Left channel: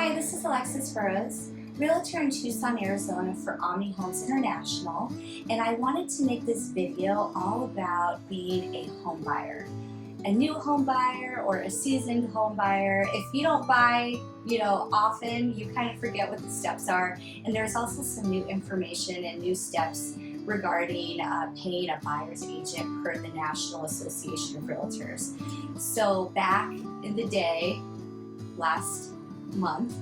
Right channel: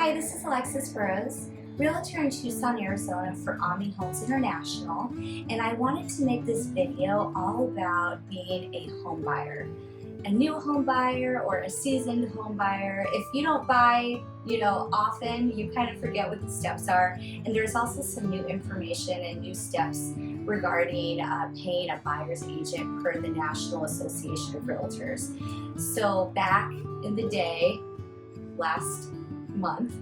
Hi, this is Alexis Burrows, Realtor in Tucson, Arizona for Omni Homes International, and I wanted to make this video all about being a home buyer. A new home buyer or a seasoned home buyer. If you don't buy, often, you kind of forget what the steps are. And there's also some new information and new steps regarding paying a buyer's agent per the National Association of Realtors. So back in the day, last month,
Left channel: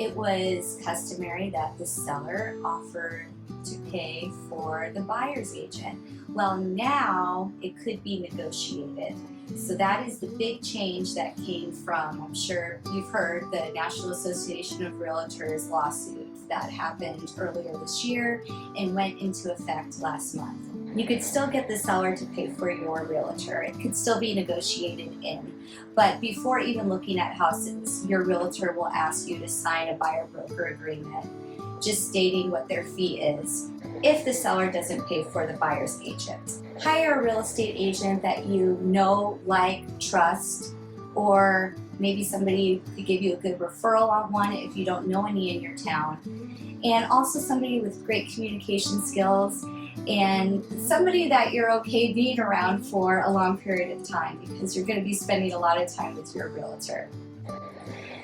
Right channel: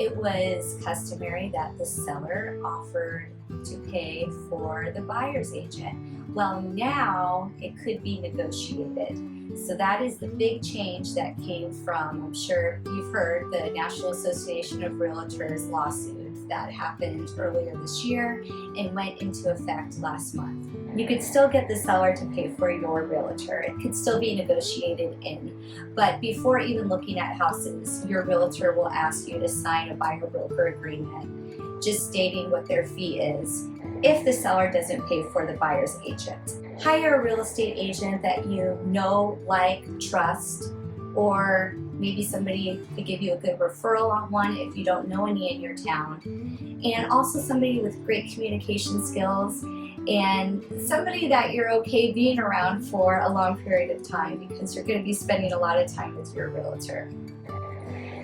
it was customary that the seller offered to pay for the buyer's agent. Well, now it could be negotiated. So that is the big change that came from, I'm sure you've heard, the National Association of Realtors lawsuit that happened earlier this year and went into effect last month. You could still get the seller to pay for your realtor. It could still be negotiated in. But before even looking at houses, your realtor will ask you to sign a buyer-broker agreement, just stating what their fee is if the seller doesn't pay for the buyer's agent. Hire a real estate agent that you know, like, trust, or maybe somebody could give you a good referral on one if you don't know any in your town. And also somebody with great communication skills and somebody that you're okay being around for a long period of time, because you're going to be spending a lot of time with your realtor.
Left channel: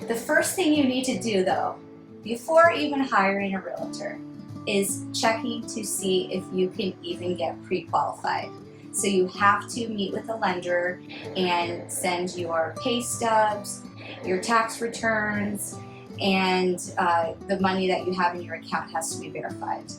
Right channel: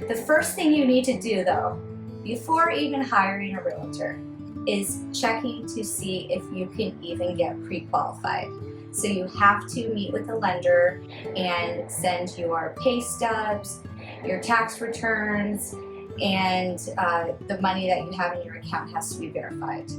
The first thing you need to do, though, before even hiring a realtor, is checking to see if you can even get pre-qualified. So you have to meet with a lender and send your pay stubs, your tax returns, and the money that you have in your account has to be verified.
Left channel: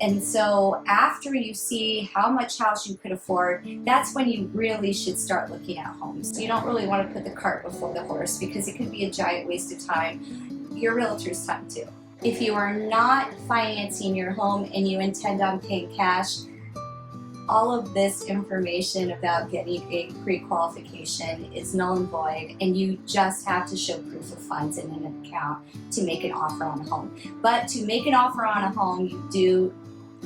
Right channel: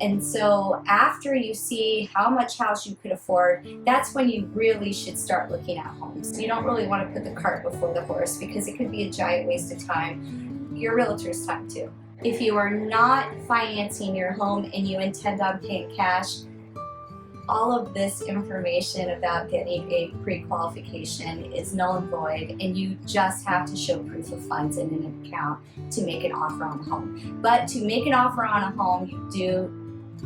And so after you see how much house you could afford, that's when you really should start looking at homes. You don't really want to put the cart before the horse, because it could be a giant waste of time, your realtor's time too. If you are not financing your home and you intend on paying cash, all of this information about getting a pre-qualification is null and void, and you just have to show proof of funds in an account to make an offer on a home. But to make an offer on a home, you do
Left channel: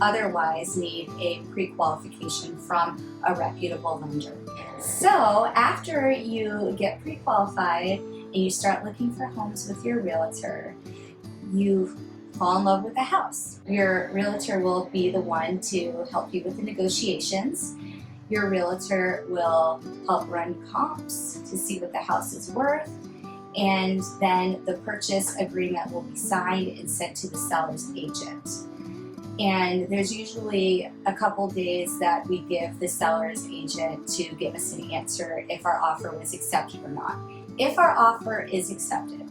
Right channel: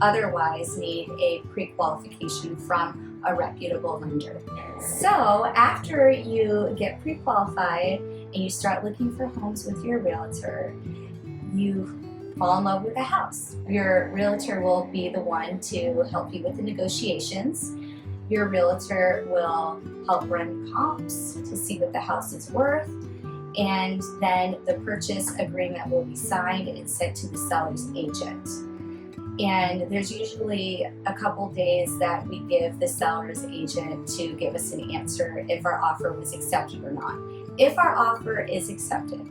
otherwise need a pre-qualification from a reputable lender. So after you get pre-qualified and you start looking for homes with your realtor, you fall in love with a house. Your realtor will be the one to help you with the negotiations. Your realtor will help run comps to see what the house is worth, and then the purchase agreement will be signed and sent to the seller's agent. And there's usually a couple days that we give the seller's agent to give us an answer if our offer was accepted or not. If our offer is accepted,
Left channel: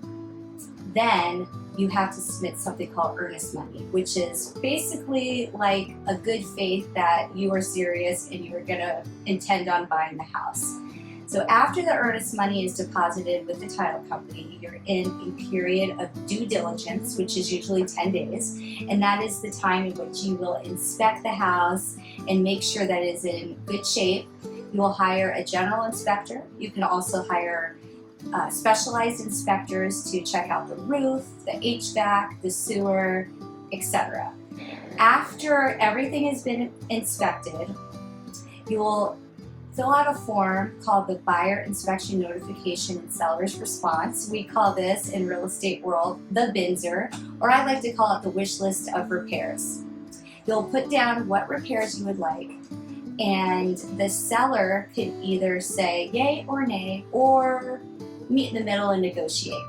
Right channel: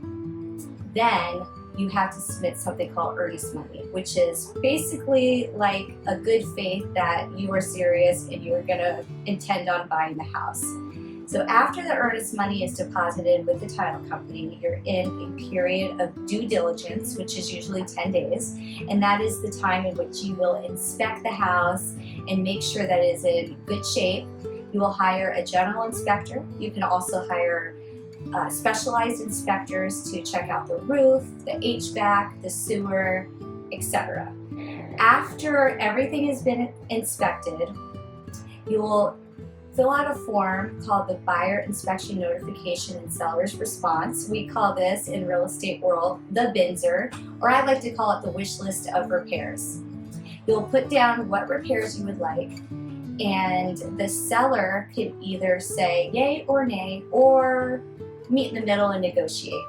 then you have to submit something called earnest money, which is basically like a good faith that you are serious and you are gonna intend on buying the house. So after the earnest money is deposited with the title company, you're in a period of due diligence, which is usually 10 days. And that is the time in which you will inspect the house and make sure that it is in good shape. You will hire a general inspector. You can also hire specialized inspectors to check out the roof, the HVAC, the sewer, etc. After everything has been inspected, you will fill out a form called the Buyer Inspection Notification and Seller's Response. We call this, in real estate world, the BINSR, or I like to call it the wish list of repairs. You'll put down what repairs you would like, and the seller can either say yay or nay, or meet in the middle and negotiate.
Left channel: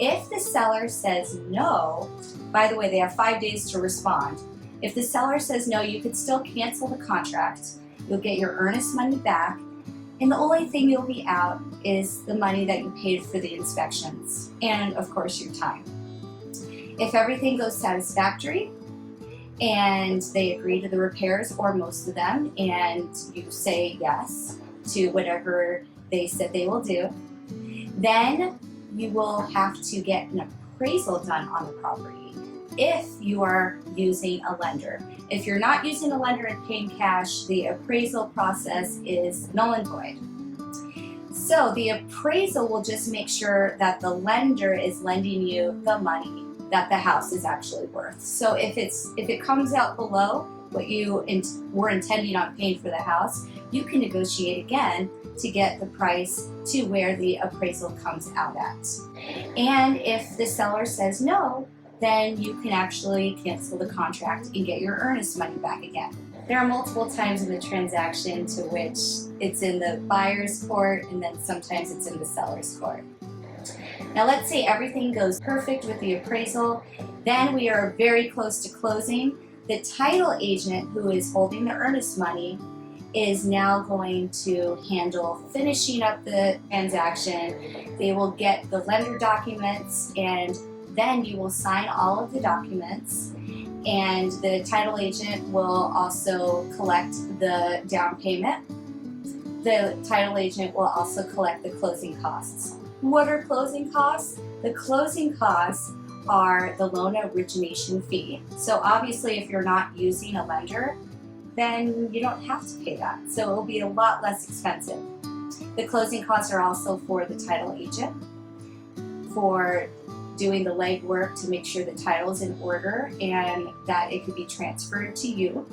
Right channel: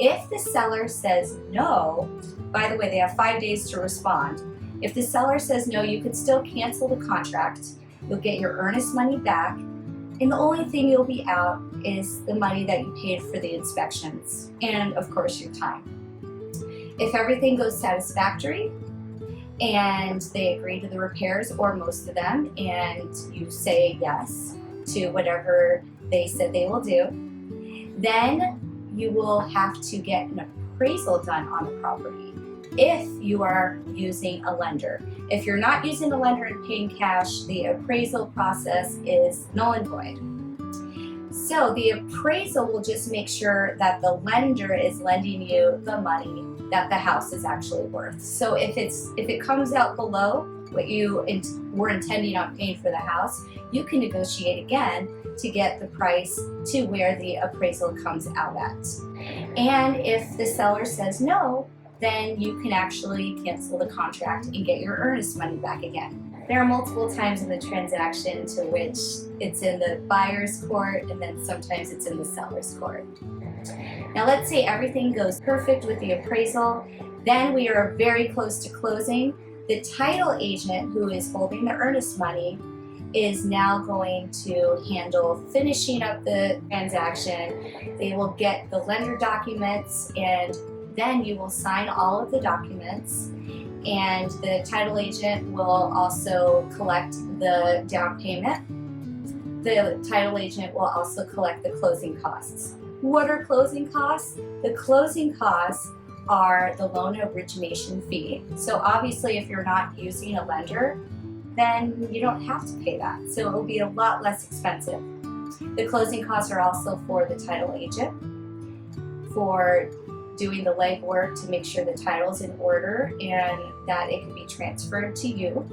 If the seller says no, by the way, they have 5 days to respond. If the seller says no, you can still cancel the contract. You'll get your earnest money back, and the only thing you'll be out is the money that you paid for the inspections, and of course your time. If everything goes satisfactory and they agree to the repairs, or most of them, and you say yes to whatever they said they will do, then you will have to get an appraisal done on the property if you are using a lender. If you're not using a lender and paying cash, the appraisal process is null and void. So the appraisal will just make sure that the lender is lending you the money that the house is actually worth. So if it comes out below what you were intending on paying for the house, you can negotiate again to get the price to where the appraisal comes out at. And if the seller says no, then you can actually cancel the contract and get your earnest money back again. There are multiple times in the transaction to which it's in the buyer's court and then sometimes it's in the seller's court. Now let's say everything goes perfect with the appraisal, then we are very close to closing. The title agent who is holding the earnest money is now going to handle finishing up the transaction. They will get the lender documents and then you will sign all of the documents, and the title agent will also collect the down payment. The title agent will also collect the closing costs. What are closing costs? The closing costs are the loan origination fee. So obviously if you're not using a lender, then you don't have to pay that. So it will be a lot less expensive. The closing costs are also for the title agent, for doing the legwork to make sure the title's in order and that it can be transferred to you.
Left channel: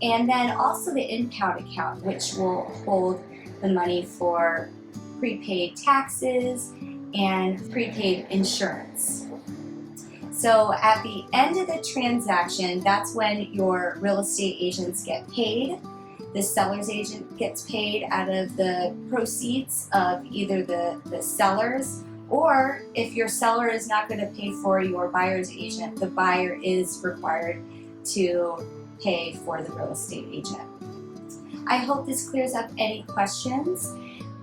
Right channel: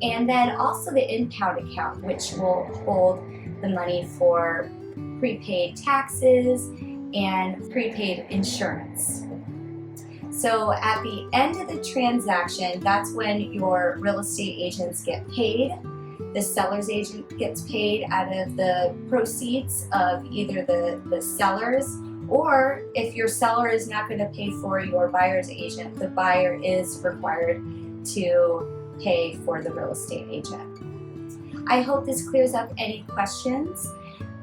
And then also the impound account, which will hold the money for prepaid taxes and prepaid insurance. So at the end of the transaction, that's when your real estate agents get paid. The seller's agent gets paid out of the proceeds of either the sellers, or if your seller is not going to pay for your buyer's agent, the buyer is required to pay for the real estate agent. I hope this clears up any questions.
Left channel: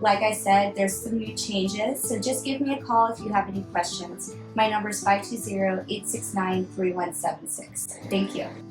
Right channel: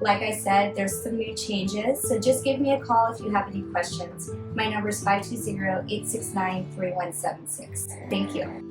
Like I said, there's some new changes, so just give me a call if you have any questions. My number is 520-869-3176. Thank you.